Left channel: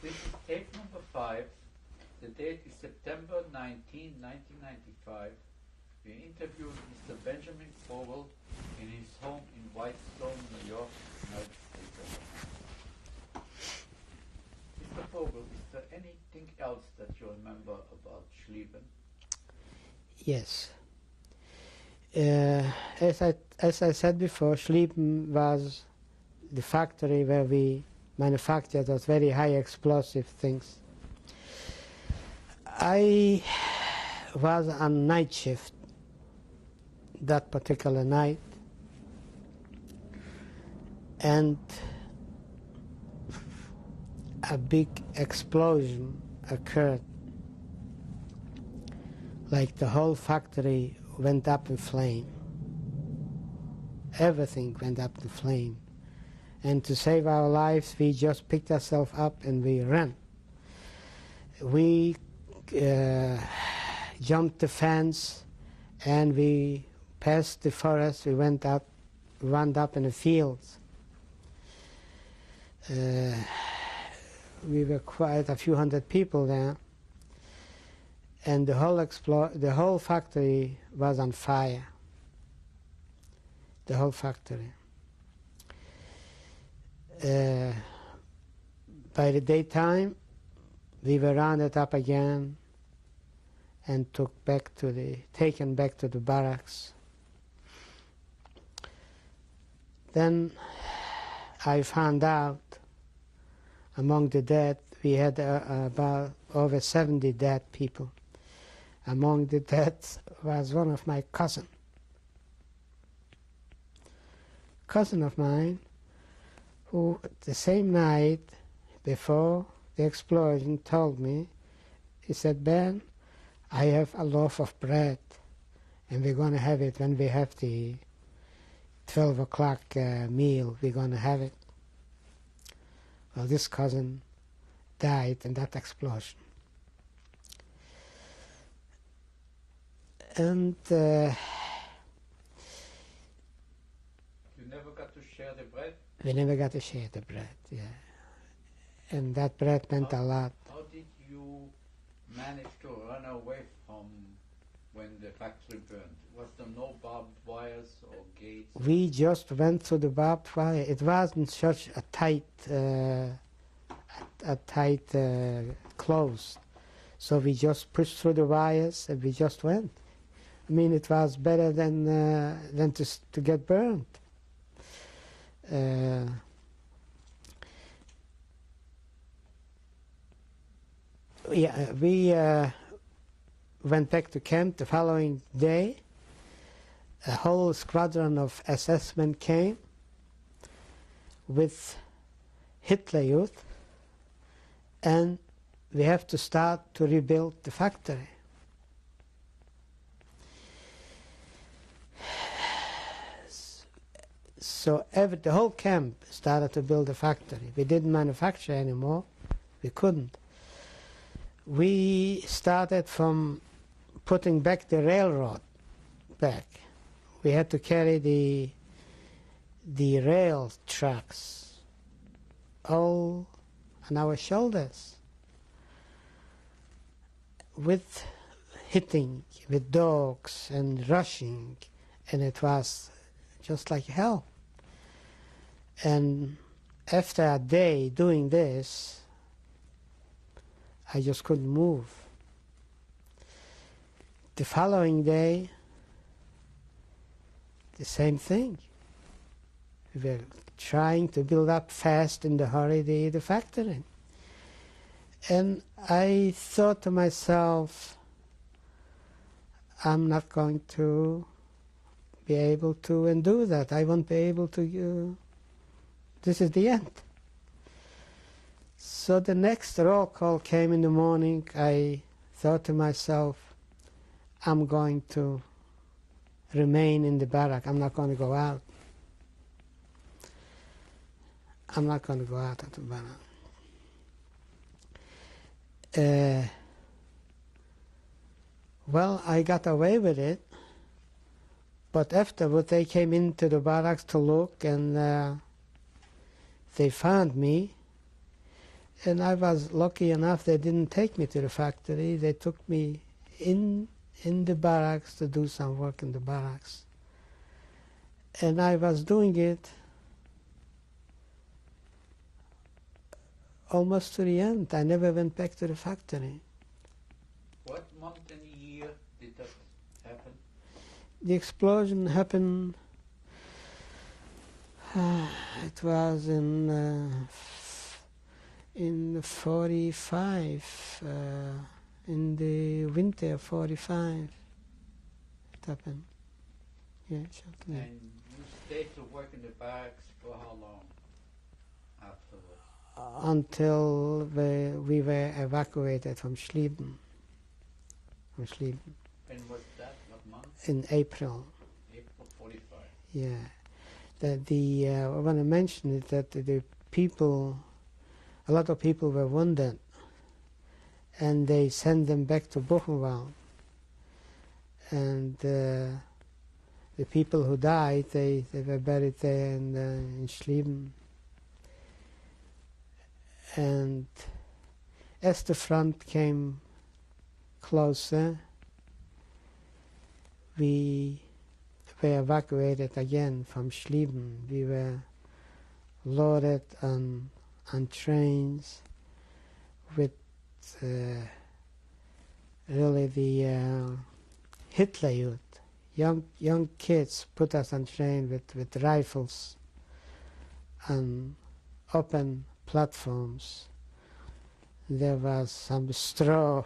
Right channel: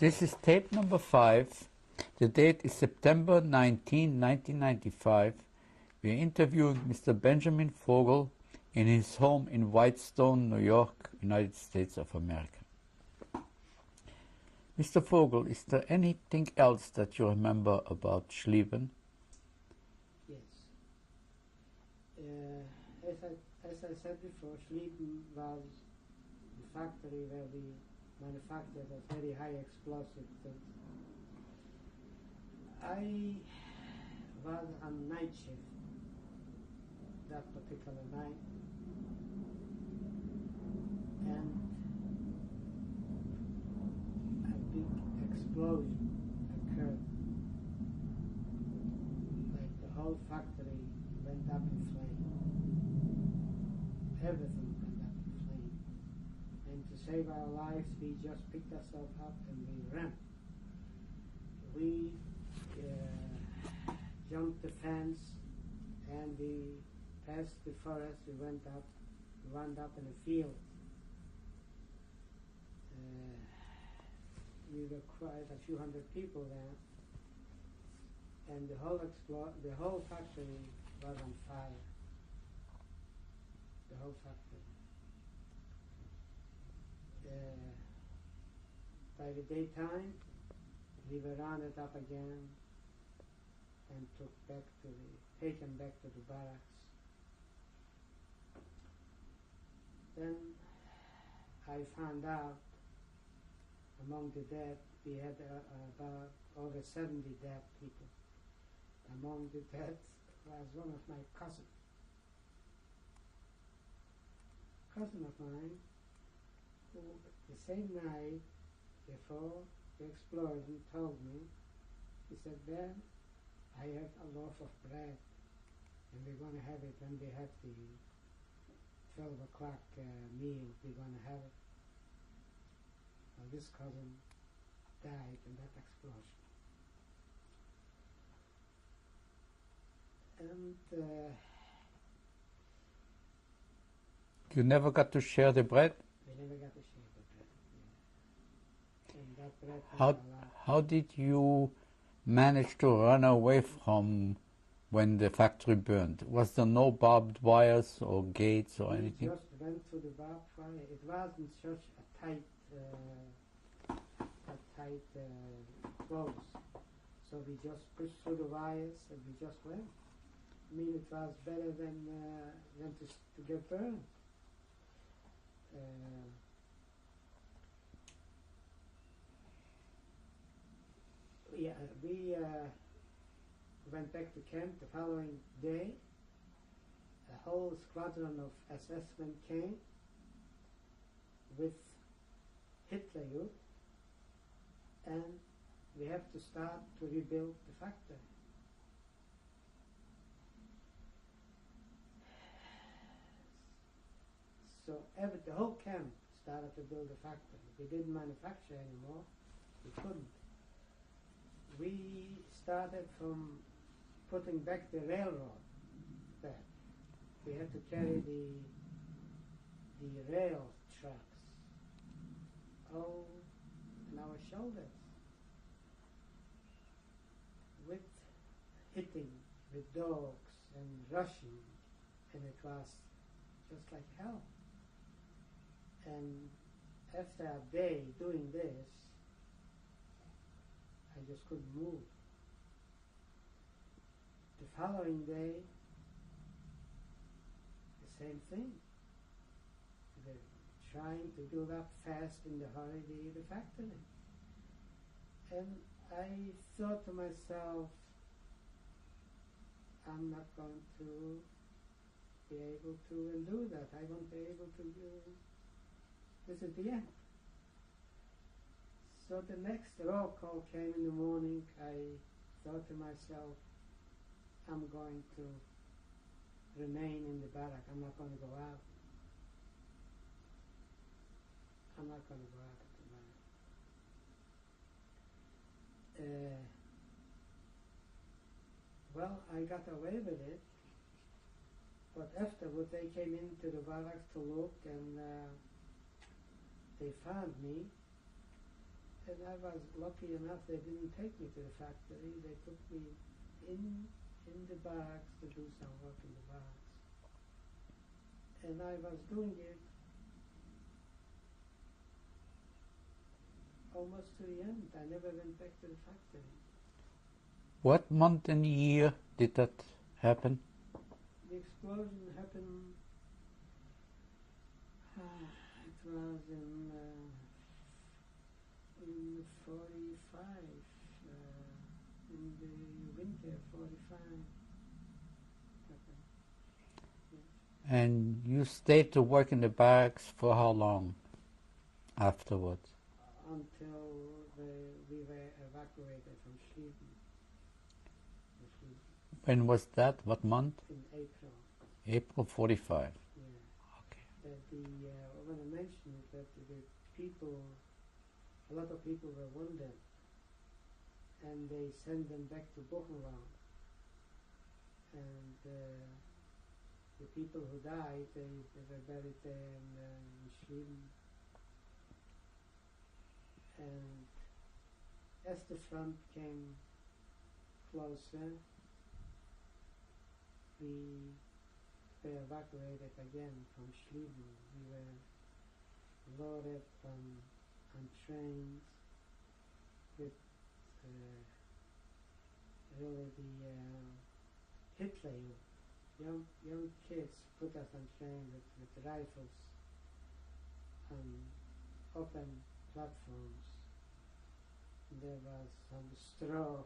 This is tape number 5. The date is September 19, 1995. We interviewed Mr. Benjamin Fogel in his home in Whitestone, New York, United States of America. Mr. Fogel, is there anything else that you remember about Schlieben? Yes. As I said before, Schlieben was the factory where we manufactured those very high explosive things. I was on night shift that particular night, and a big explosion occurred. Like the whole factory went up in flame. Everything went up in flame. And to save our lives, we just picked ourselves up and we ran. We jumped the fence and we passed the forest. We wound up in the fields. We were quite a few hundred people there, and the whole factory was on fire. The whole factory. By the daytime, we were rounded up again and taken back to the barracks. Then I found out among the dead, we had about over 70 dead people. Among the dead was one of my cousin of mine, who the same night before the explosion told me, he said, "Ben, I have a loaf of bread and we're going to have it when we have the 12 o'clock meal, we're going to have it." Well, this cousin died in that explosion. And you never got to share the bread? We never got to share the bread, yeah. And that bread meant a lot. How did you manage to run away from when the factory burned? Was there no barbed wires or gates? Or we anything? just went through the barbed wire. It wasn't such a tight close. So we just pushed through the wires and we just went. I mean, it was better than to get burned. Yeah, we went back to camp the following day. A whole squadron of SS men came with Hitler Youth, and we have to start to rebuild the factory. So the whole camp started to build a factory. We didn't manufacture anymore. We couldn't. We started from putting back the railroad back. We had to carry the rail trucks all on our shoulders, with hitting, with dogs and rushing, and it was just like hell. And after a day doing this, I just couldn't move. The following day, the same thing. We were trying to build up fast in the hurry the factory. And I thought to myself, I'm not going to be able to undo that. I won't be able to, this is the end. So the next roll call came in the morning. I thought to myself, I'm going to remain in the barrack. I'm not going to go out. I'm not going to go out of the barrack. Well, I got away with it, but afterward they came into the barracks to look, and they found me. And I was lucky enough they didn't take me to the factory. They took me in the barracks to do some work in the barracks. And I was doing it almost to the end. I never went back to the factory. What month and year did that happen? The explosion happened, it was in 45, in the winter of 45 it happened. Yeah, sure. And you stayed to work in the barracks for how long afterwards? Until we were evacuated from Schlieben. When was that? What month? In April. April 45. Yeah. I want to mention it that the people, a lot of people were wounded, and they sent them back to Buchenwald. And the people who died, they were buried there in Schlieben. And as the front came closer, we were evacuated again from Schlieben. We were loaded on trains with really the Hitler Youth. Young kids put us on train with rifles on open platforms. There was some straw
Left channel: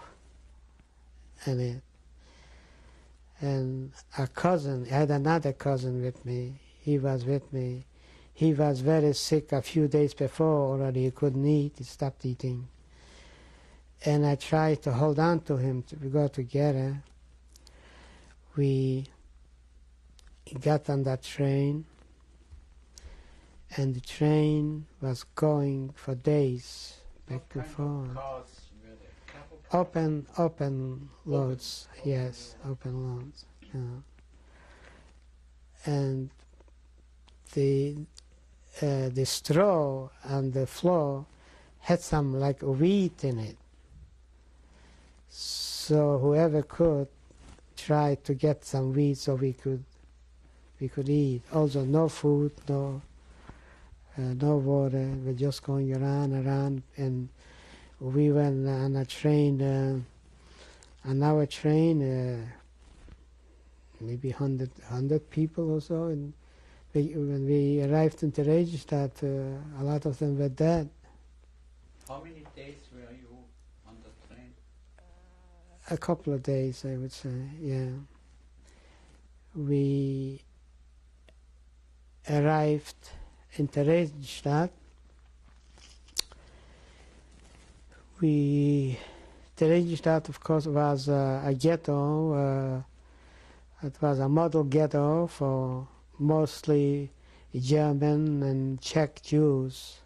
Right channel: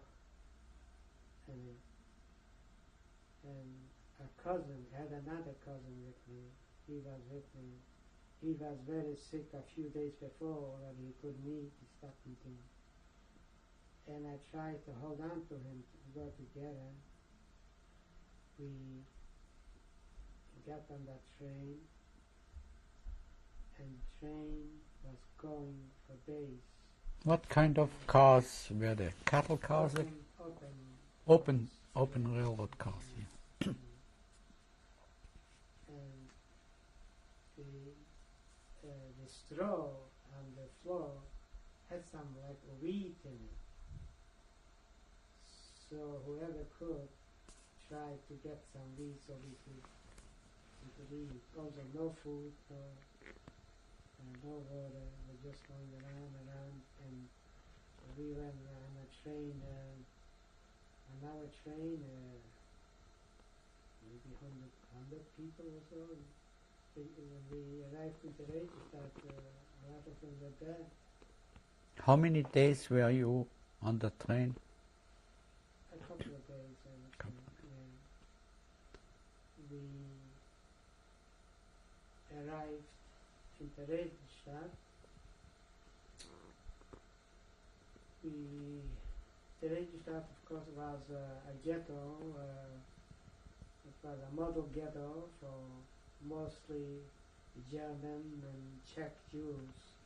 in it. And a cousin, I had another cousin with me. He was with me. He was very sick a few days before already. He couldn't eat. He stopped eating. And I tried to hold on to him to go together. We got on that train, and the train was going for days. What kind of cars were there? Cattle cars? Open loads. Open Yes, railroad open cars. loads. Yeah. And the straw on the floor had some like wheat in it. So whoever could try to get some wheat so we could eat. Also no food, no water. We're just going around, and we went on a train, on our train, maybe 100 people or so. And when we arrived in Theresienstadt, a lot of them were dead. How many days were you on the train? A couple of days, I would say, yeah. We arrived in Theresienstadt. Theresienstadt, of course, was a ghetto. It was a model ghetto for mostly German and Czech Jews.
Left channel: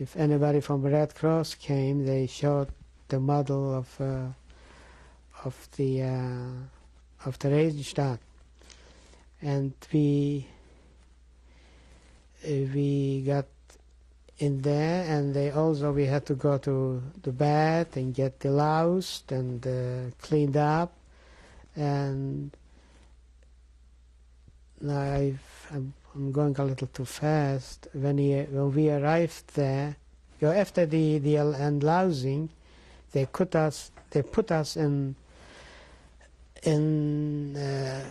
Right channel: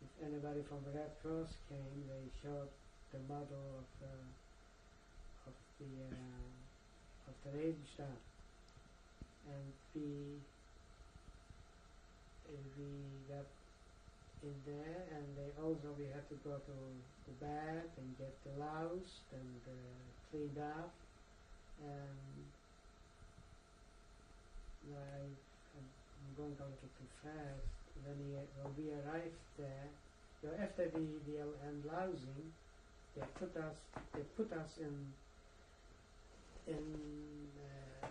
If anybody from Red Cross came, they showed the model of Theresienstadt, and we got in there, and we had to go to the bed and get deloused and cleaned up. And now I'm going a little too fast. When we arrived there, after the unlousing, they put us in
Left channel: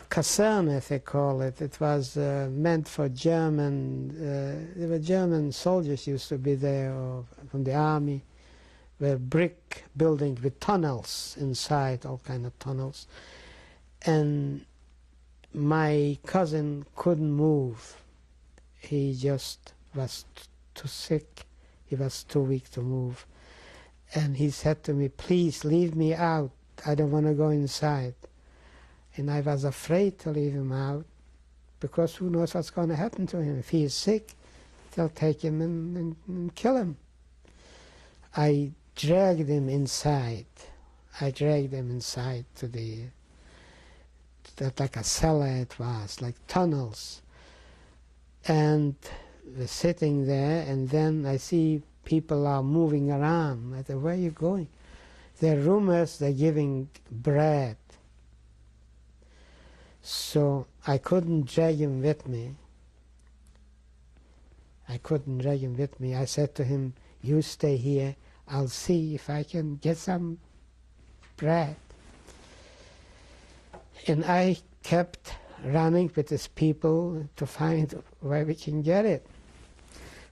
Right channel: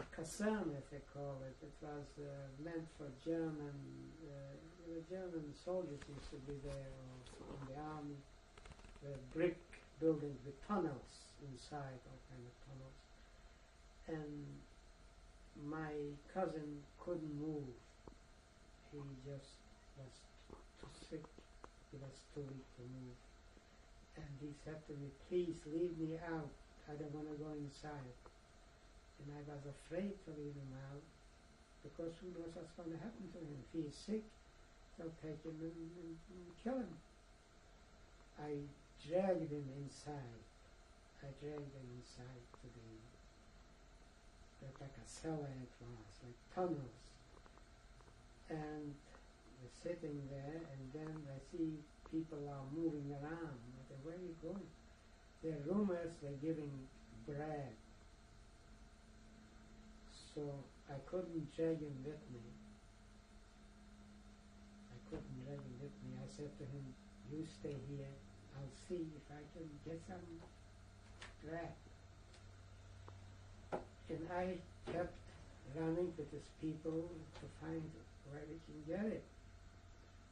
Kaserne, as they call it. It was meant for German. There were German soldiers used to be there, or from the army. Were brick buildings with tunnels inside, all kind of tunnels. And my cousin couldn't move. He just was too sick. He was too weak to move. And he said to me, "Please leave me out. I don't want to go inside." And I was afraid to leave him out, because who knows what's going to happen to him. If he is sick, they'll take him and kill him. I dragged him inside. To that, like a cellar it was, like tunnels. And we're sitting there, and then I see People are moving around. I said, where are you going? There are rumors they're giving bread. So I couldn't drag him with me. I said to him, you stay here. I'll see if I can get some bread. And I kept running with his people to find where we can get it.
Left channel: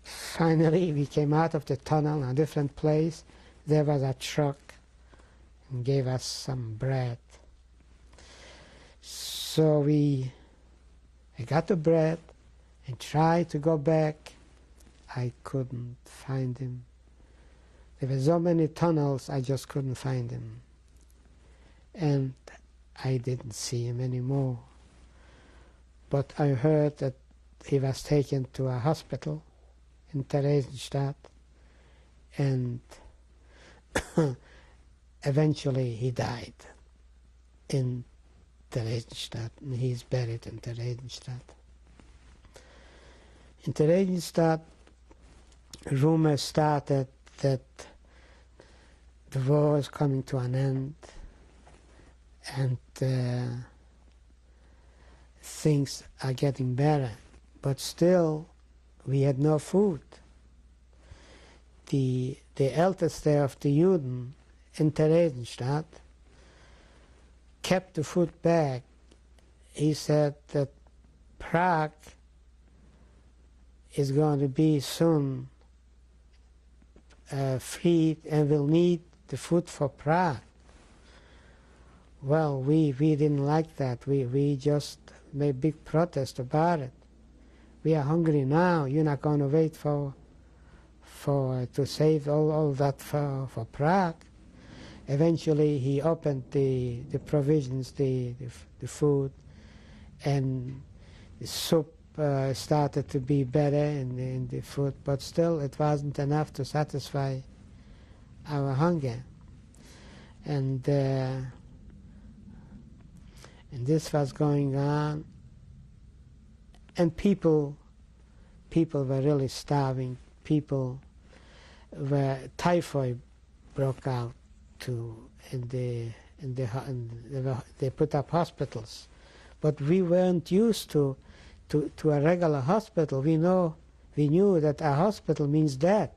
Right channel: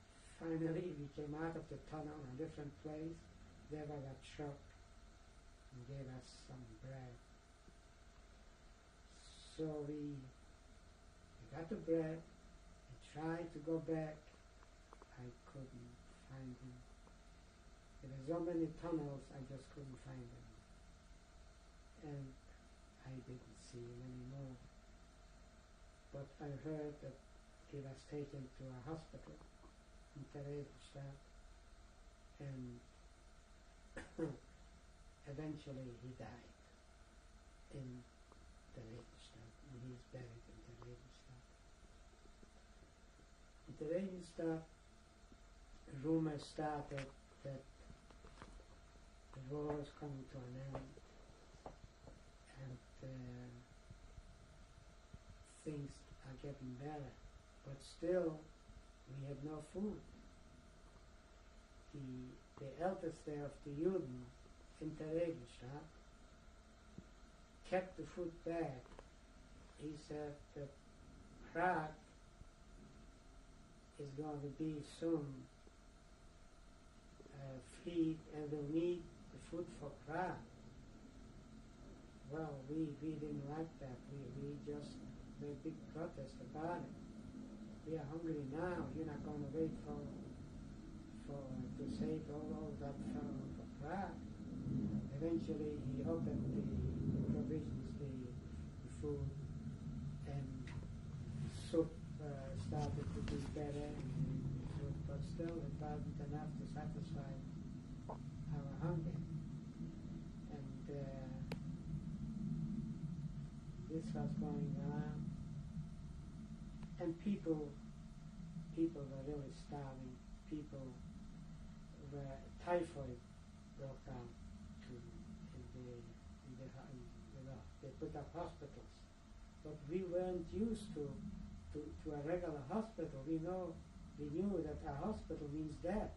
Finally, we came out of the tunnel in a different place. There was a truck and gave us some bread. So I got the bread and tried to go back. I couldn't find him. There were so many tunnels, I just couldn't find him. And I didn't see him anymore. But I heard that he was taken to a hospital in Theresienstadt, and eventually he died in Theresienstadt, and he's buried in Theresienstadt. In Theresienstadt, rumors started that the war is coming to an end, and things are getting better, but still we had no food. The Älteste of the Juden in Theresienstadt kept the food back. He said that Prague is going to be soon freed and will need the food for Prague. Well, we didn't like that. We just made big protest about it. We are hungry now. You're not going to wait to save all that for Prague. Eventually, he opened the provisions, the food, and the soup started to be better in the food, but still it wasn't enough to satisfy our hunger. And this was going on, and people were really starving. People were typhoid broke out they put up hospitals, but we weren't used to a regular hospital. We knew that a hospital means death.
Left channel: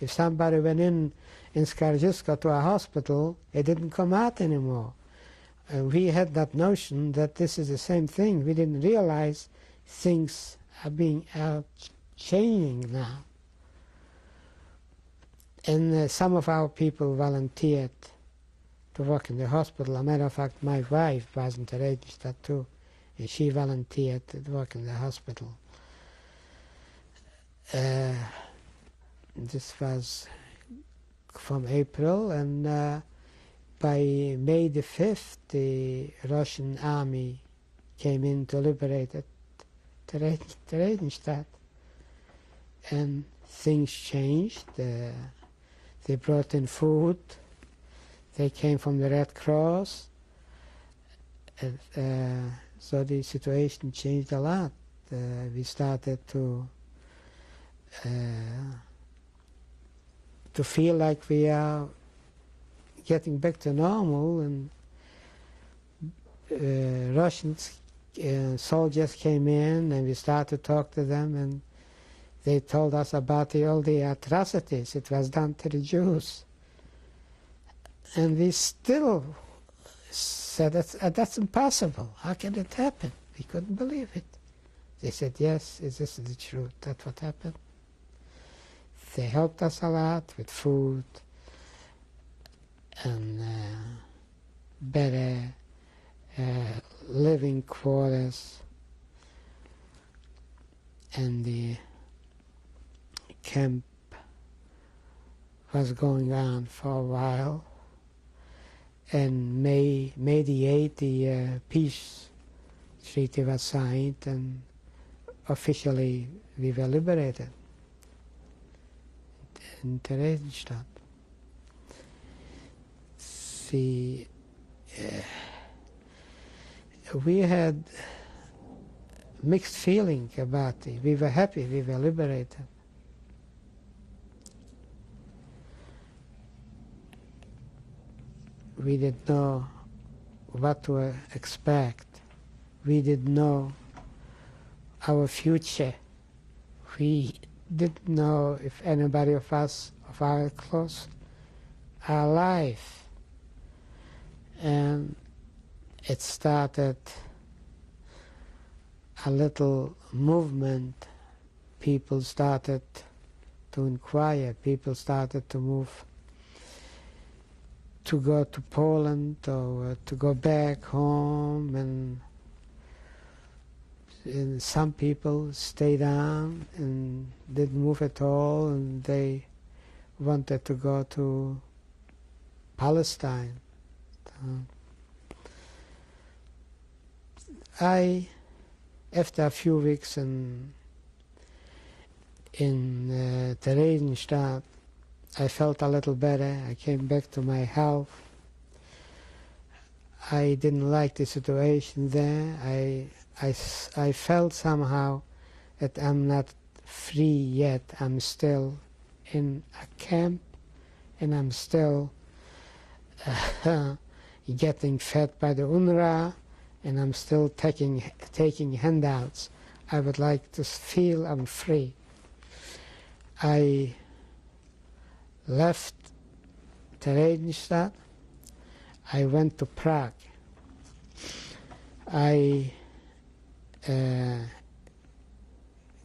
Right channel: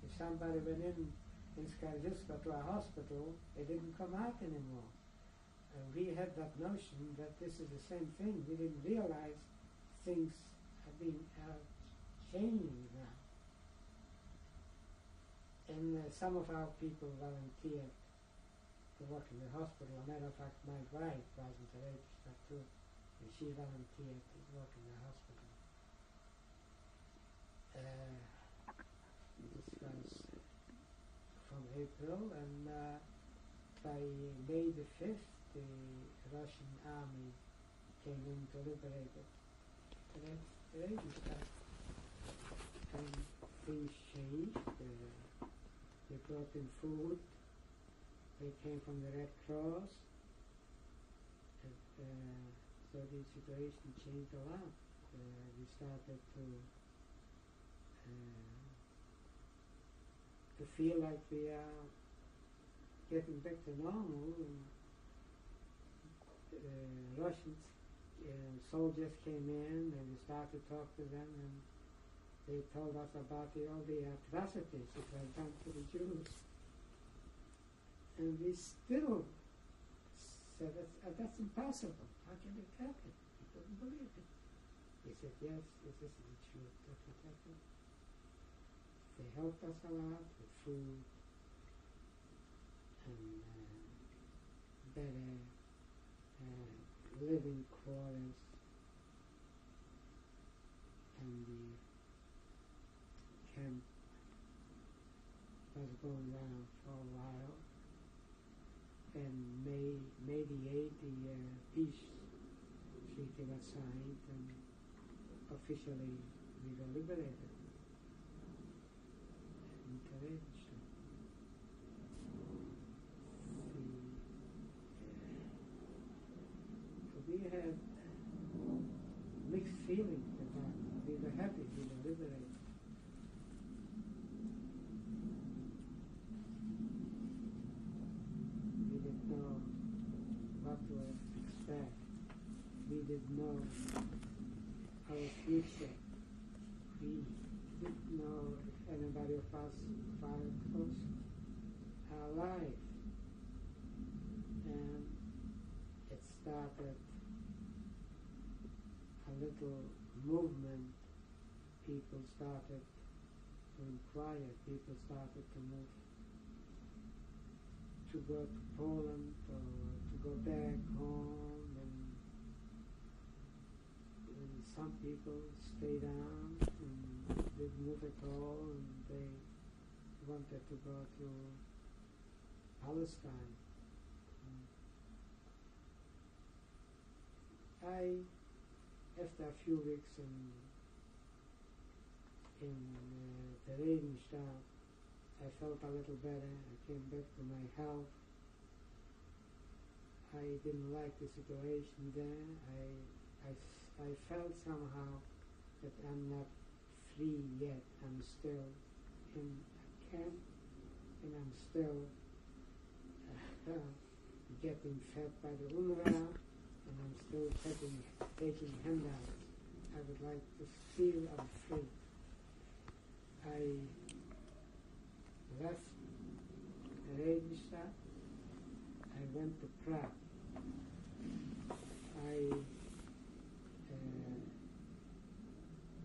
If somebody went in Skaržiska to a hospital, it didn't come out anymore. And we had that notion that this is the same thing. We didn't realize things are changing now. And some of our people volunteered to work in the hospital. As a matter of fact, my wife was in Theresienstadt too, and she volunteered to work in the hospital. This was from April, and by May the 5th, the Russian army came in to liberate Theresienstadt, and things changed. They brought in food. They came from the Red Cross. So the situation changed a lot. We started to feel like we are getting back to normal, and Russian soldiers came in, and we started to talk to them, and they told us about all the atrocities it was done to the Jews. And we still said, that's impossible. How can it happen? We couldn't believe it. They said, yes, this is the truth. That's what happened. They helped us a lot with food and better living quarters. And the camp was going on for a while. And May the 8th, the peace treaty was signed, and officially we were liberated in Theresienstadt. See, we had mixed feeling about it. We were happy we were liberated. we didn't know what to expect. We didn't know our future. We didn't know if anybody of us, of our close, are alive. And it started a little movement. People started to inquire. People started to move to go to Poland or to go back home, and some people stayed on and didn't move at all, and they wanted to go to Palestine. After a few weeks in Theresienstadt, I felt a little better. I came back to my health. I didn't like the situation there. I felt somehow that I'm not free yet. I'm still in a camp, and I'm still getting fed by the UNRWA, and I'm still taking handouts. I would like to feel I'm free. I left Theresienstadt. I went to Prague. I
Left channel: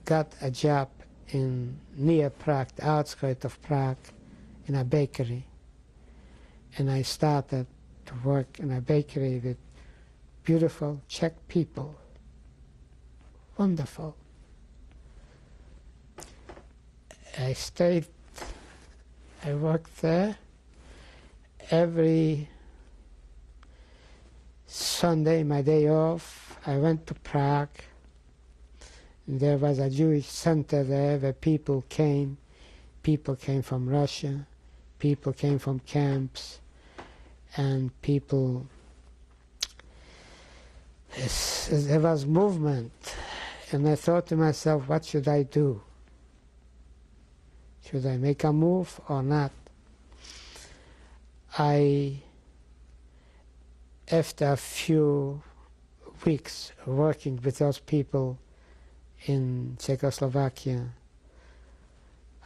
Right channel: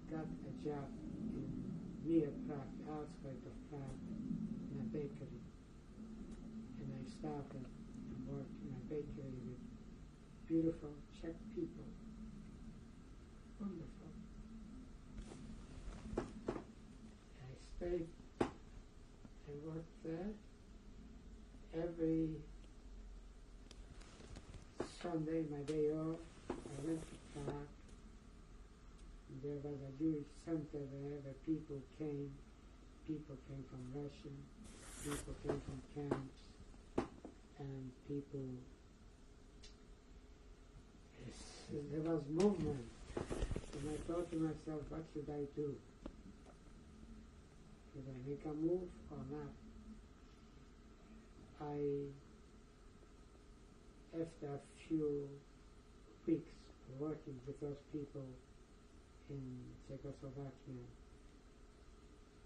got a job near Prague, the outskirts of Prague, in a bakery. And I started to work in a bakery with beautiful Czech people. Wonderful. I worked there. Every Sunday, my day off, I went to Prague. There was a Jewish center there where people came. People came from Russia. People came from camps. And people, there was movement. And I thought to myself, what should I do? Should I make a move or not? After a few weeks working with those people in Czechoslovakia,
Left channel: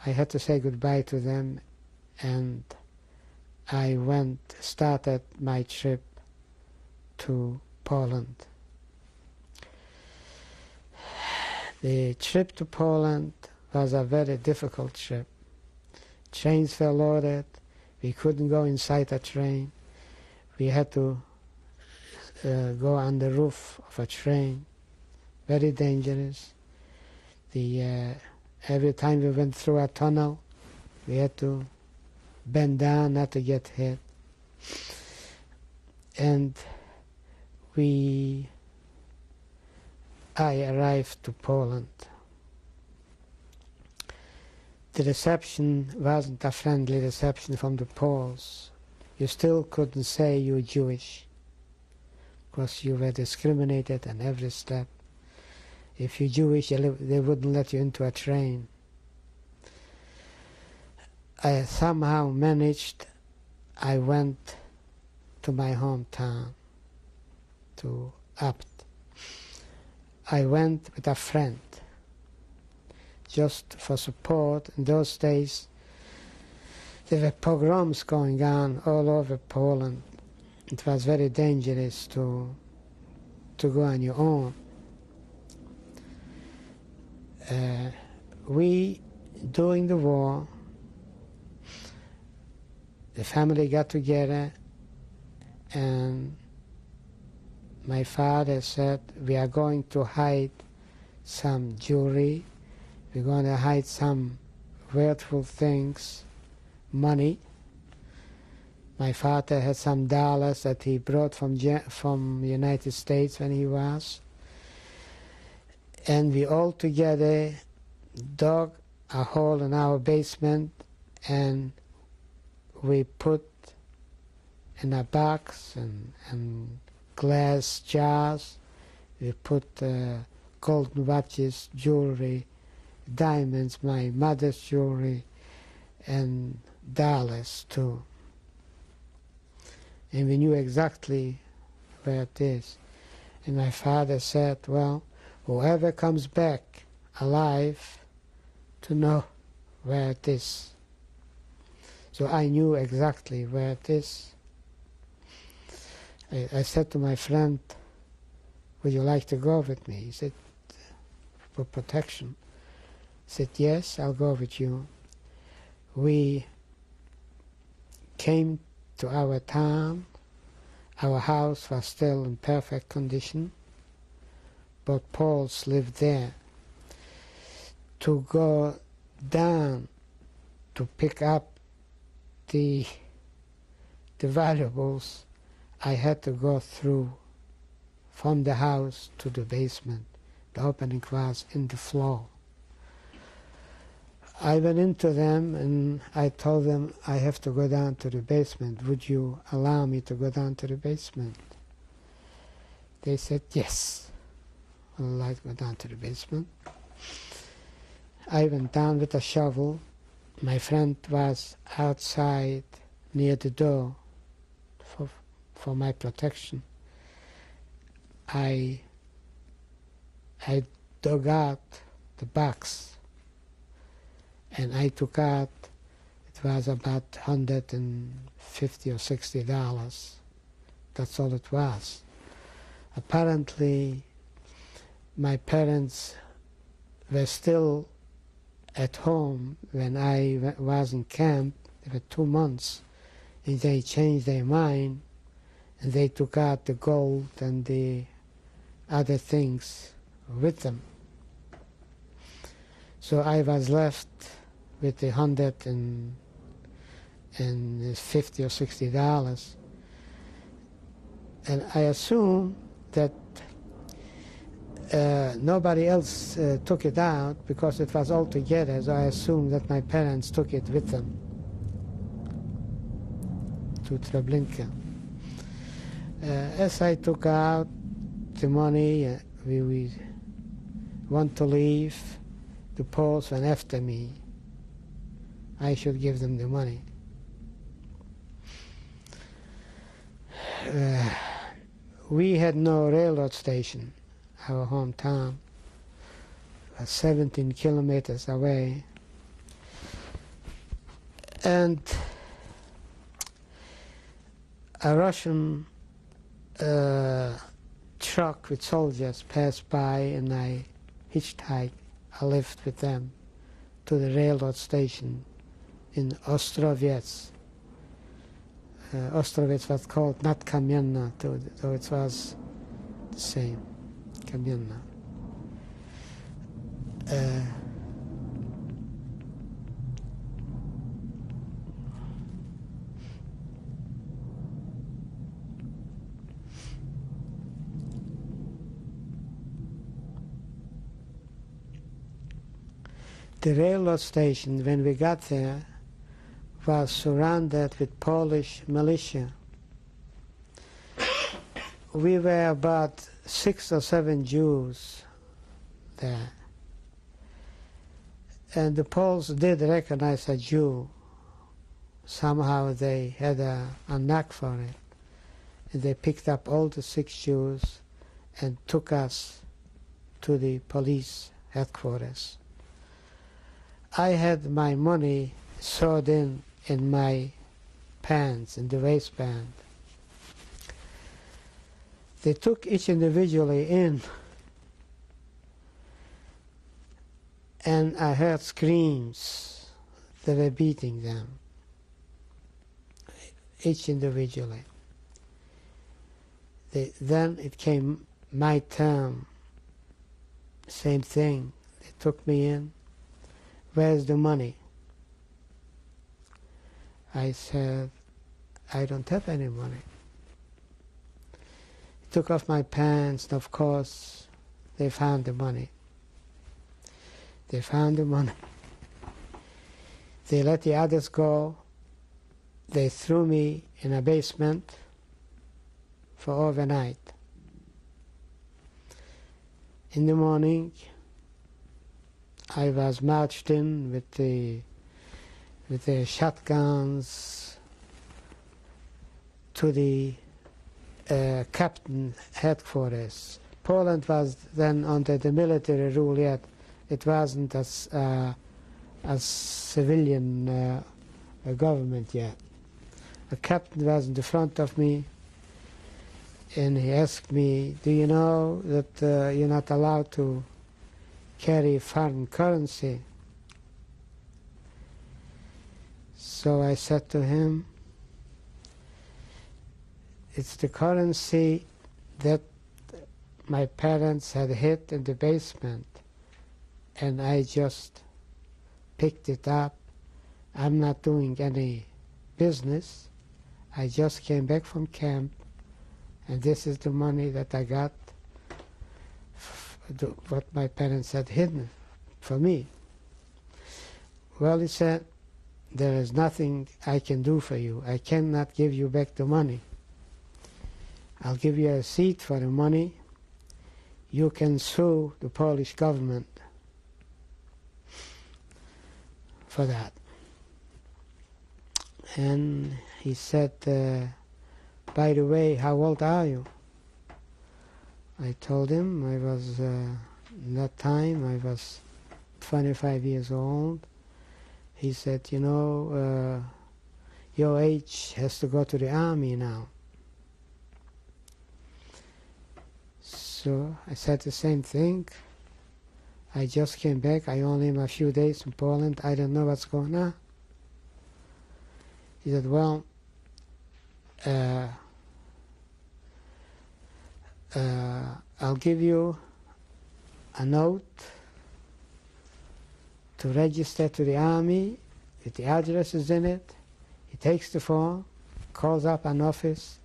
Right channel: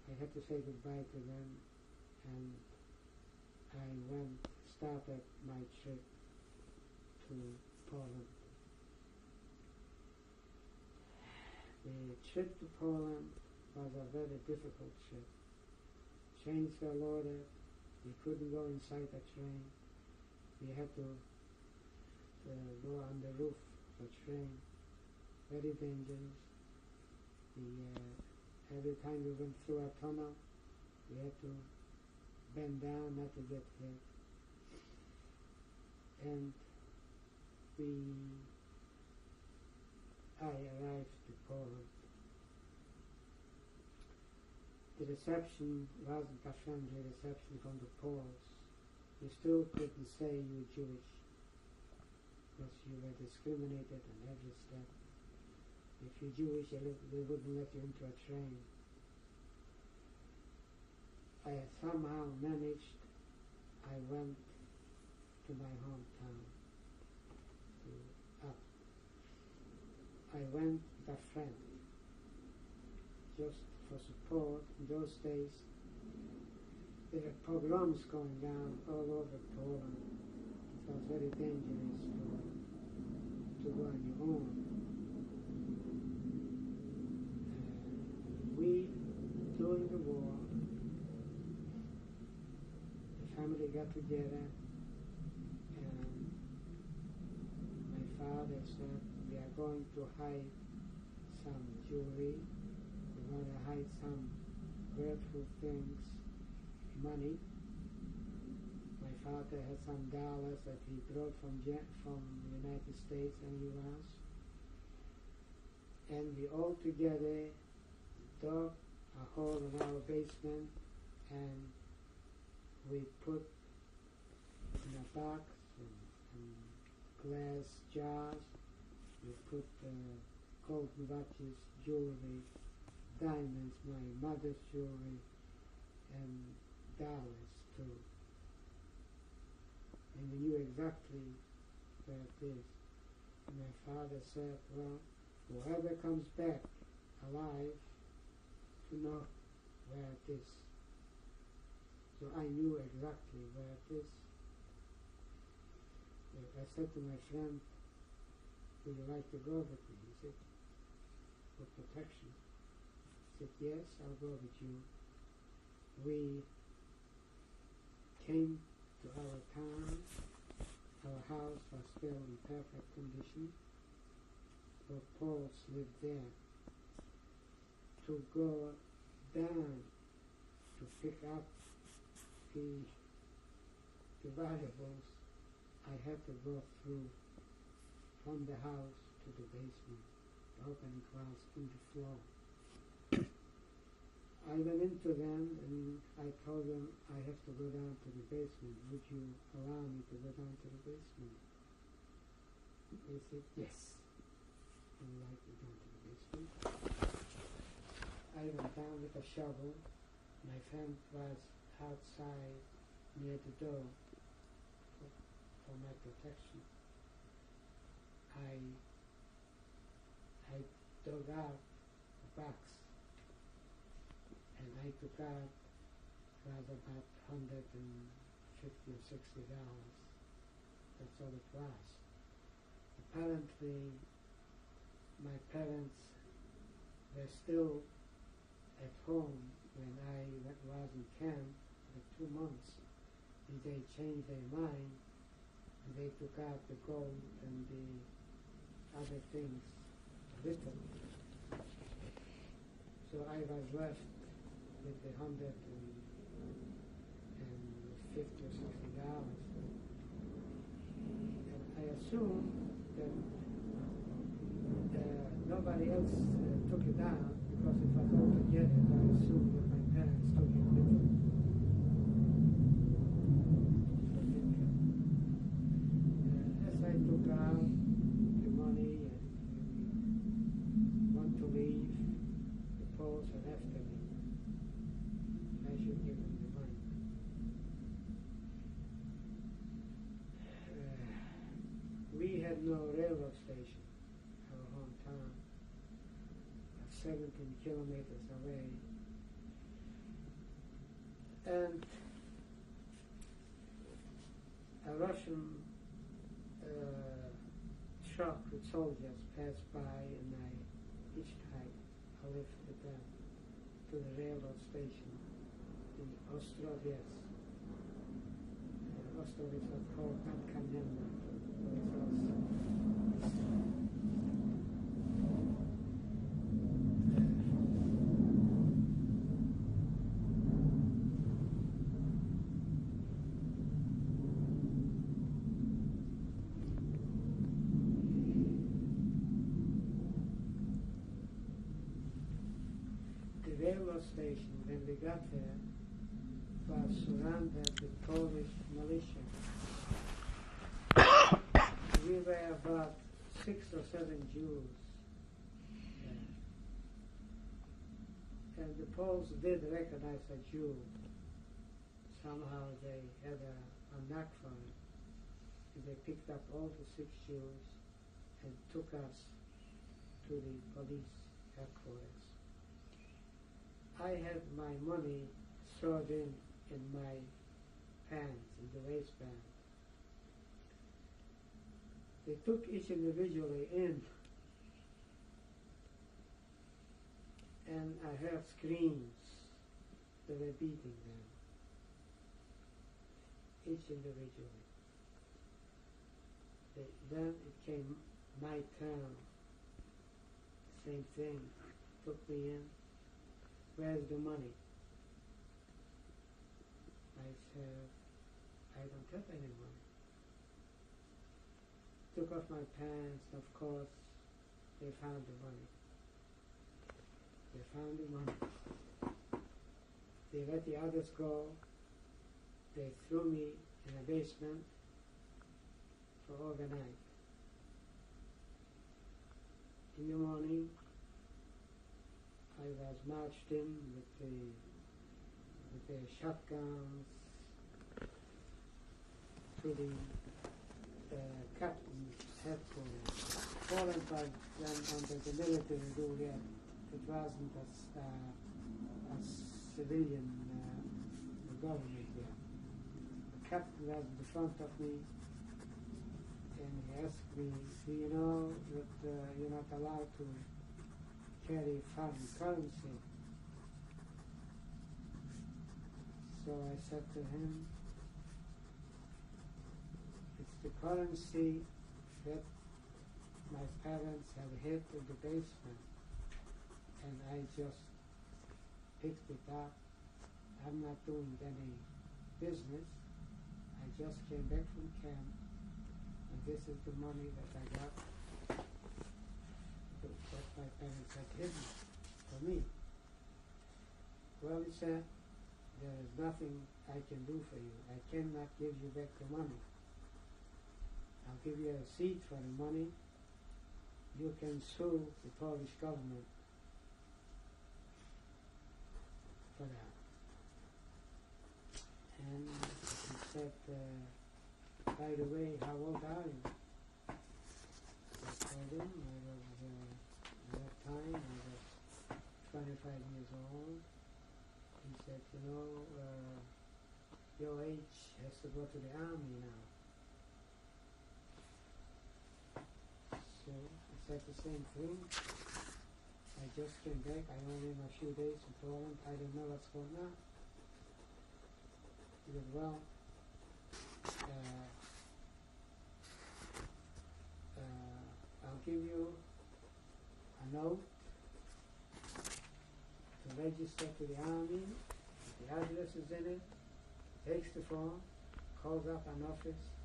I had to say goodbye to them, and I started my trip to Poland. The trip to Poland was a very difficult trip. Trains were loaded. We couldn't go inside a train. We had to go on the roof of a train. Very dangerous. Every time we went through a tunnel, we had to bend down not to get hit. And I arrived to Poland. The reception wasn't a friendly reception from the Poles. You still couldn't say you're Jewish, because you were discriminated on every step. If you're Jewish, they wouldn't let you into a train. I somehow managed. I went to my hometown, to Abt. I went with a friend, just for support. In those days, there were pogroms going on all over Poland. It was very dangerous to go on your own. During the war, the family got together, and my father said, we are going to hide some jewelry, we're going to hide some worthful things, money. My father had some dollars that he brought from the United States when he was. And we all together dug a hole in our basement, and we put in a box and glass jars, we put golden watches, jewelry, diamonds, my mother's jewelry, and dollars too. and we knew exactly where it is. And my father said, well, whoever comes back alive to know where it is. So I knew exactly where it is. I said to my friend, would you like to go with me? He said, for protection. I said, yes, I'll go with you. We came to our town. Our house was still in perfect condition, but Poles lived there. To go down to pick up the valuables, I had to go through from the house to the basement. The opening was in the floor. I went into them and I told them I have to go down to the basement. Would you allow me to go down to the basement? They said, yes, I'd like to go down to the basement. I went down with a shovel. My friend was outside near the door for my protection. I dug out the box and I took out, it was about $150 or $60. That's all it was. Apparently, my parents were still at home when I was in camp. They were 2 months, and they changed their mind, and they took out the gold and the other things with them. So I was left with the $150 or $60, and I assume that nobody else took it out because it was all together, so I assume that my parents took it with them to Treblinka. As I took out the money, we want to leave, the Poles went after me. I should give them the money. We had no railroad station. Our hometown was 17 kilometers away. And a Russian truck with soldiers passed by, and I hitchhiked a lift with them to the railroad station in Ostrovets. Ostrovets was called not Kamienna, though it was the same, Kamienna. The railroad station, when we got there, was surrounded with Polish militia. We were about 6 or 7 Jews there. And the Poles did recognize a Jew. Somehow they had a knack for it. And they picked up all the 6 Jews and took us to the police headquarters. I had my money sewed in my pants, in the waistband. They took each individually in, and I heard screams. They were beating them, each individually. Then it came my turn. Same thing. They took me in. Where's the money? I said, I don't have any money. Took off my pants, and of course, they found the money. They found the money. They let the others go. They threw me in a basement for overnight. In the morning, I was marched in with the shotguns to the captain headquarters. Poland was then under the military rule yet. It wasn't as civilian government yet. The captain was in the front of me, and he asked me, do you know that you're not allowed to carry foreign currency? So I said to him, it's the currency that my parents had hid in the basement, and I just picked it up. I'm not doing any business. I just came back from camp, and this is the money that I got, what my parents had hidden for me. Well, he said, there is nothing I can do for you. I cannot give you back the money. I'll give you a receipt for the money. You can sue the Polish government for that. And he said, by the way, how old are you? I told him I was, in that time, I was 25 years old. He said, you know, your age has to go to the army now. So I said the same thing. I just came back. I only am a few days in Poland. I don't know what's going on. He said, well, I'll give you a note to register to the army with the addresses in it. He takes the phone, calls up an office.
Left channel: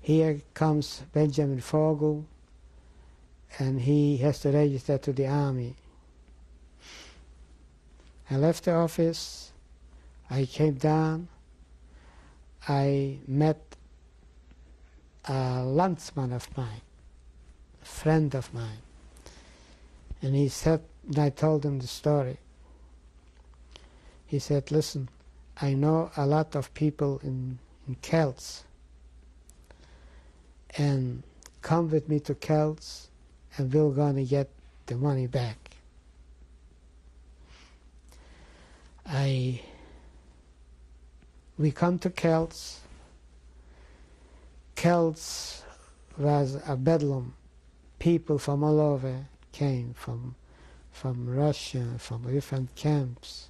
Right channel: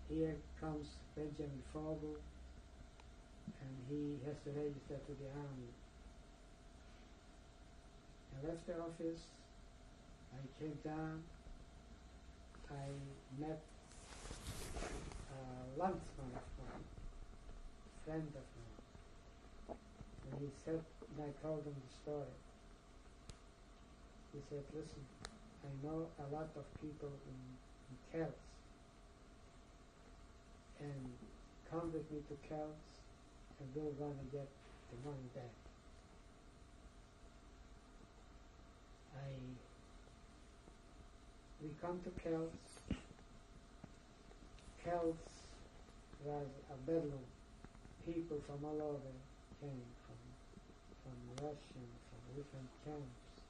Here comes Benjamin Fogel, and he has to register to the army. I left the office. I came down. I met a landsman of mine, a friend of mine, and he said, and I told him the story. He said, listen, I know a lot of people in Kelts, and come with me to Kelts, and we're gonna get the money back. We come to Kelts. Kelts was a bedlam. People from all over came, from Russia, from different camps.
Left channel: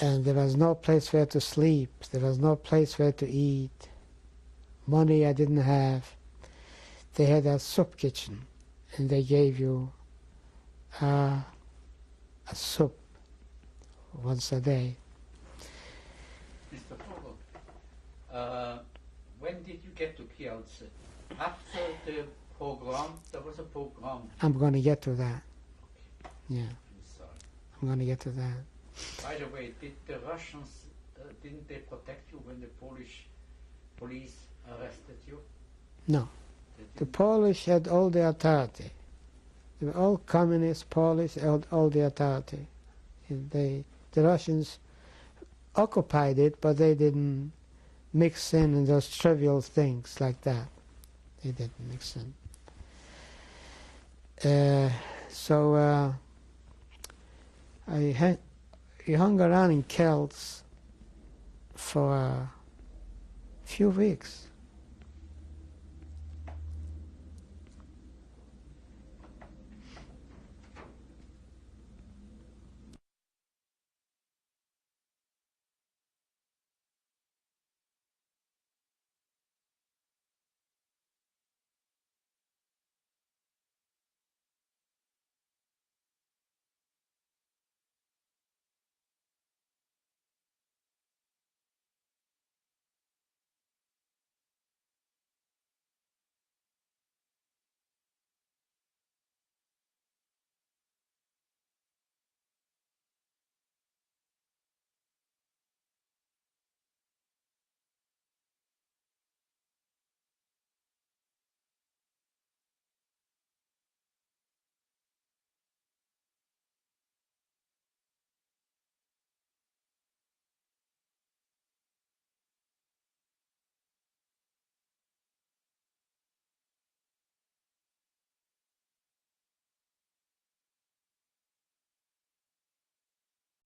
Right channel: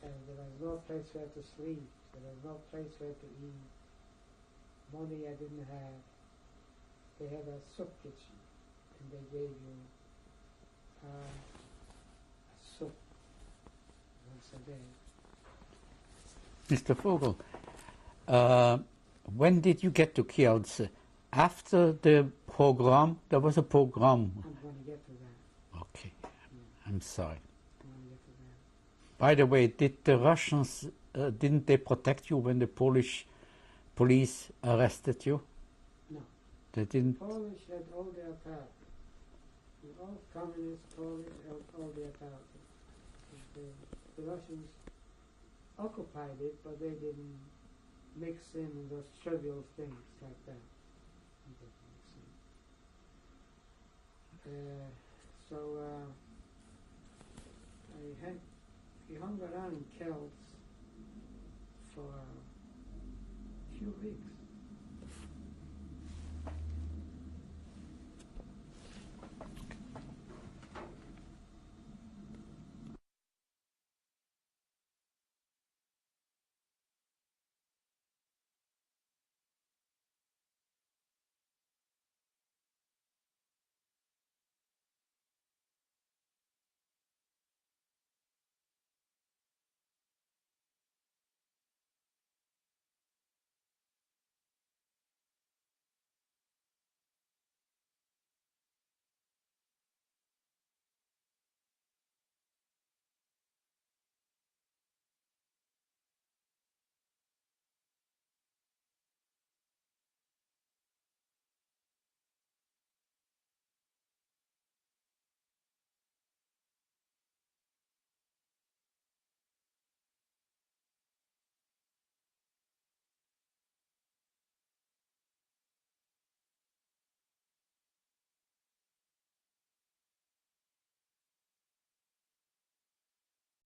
And there was no place where to sleep. There was no place where to eat. Money I didn't have. They had a soup kitchen, and they gave you a soup once a day. Mr. Fogel, when did you get to Kielce? After the pogrom? There was a pogrom. I'm going to get to that. Okay. Yeah. I'm sorry. I'm going to get to that. By the way, did the Russians, didn't they protect you when the Polish police arrested you? No. They The didn't? Polish had all the authority. They were all communist Polish, held all the authority. The Russians occupied it, but they didn't mix in those trivial things like that. They didn't mix in. I hung around in Kelts for a few weeks.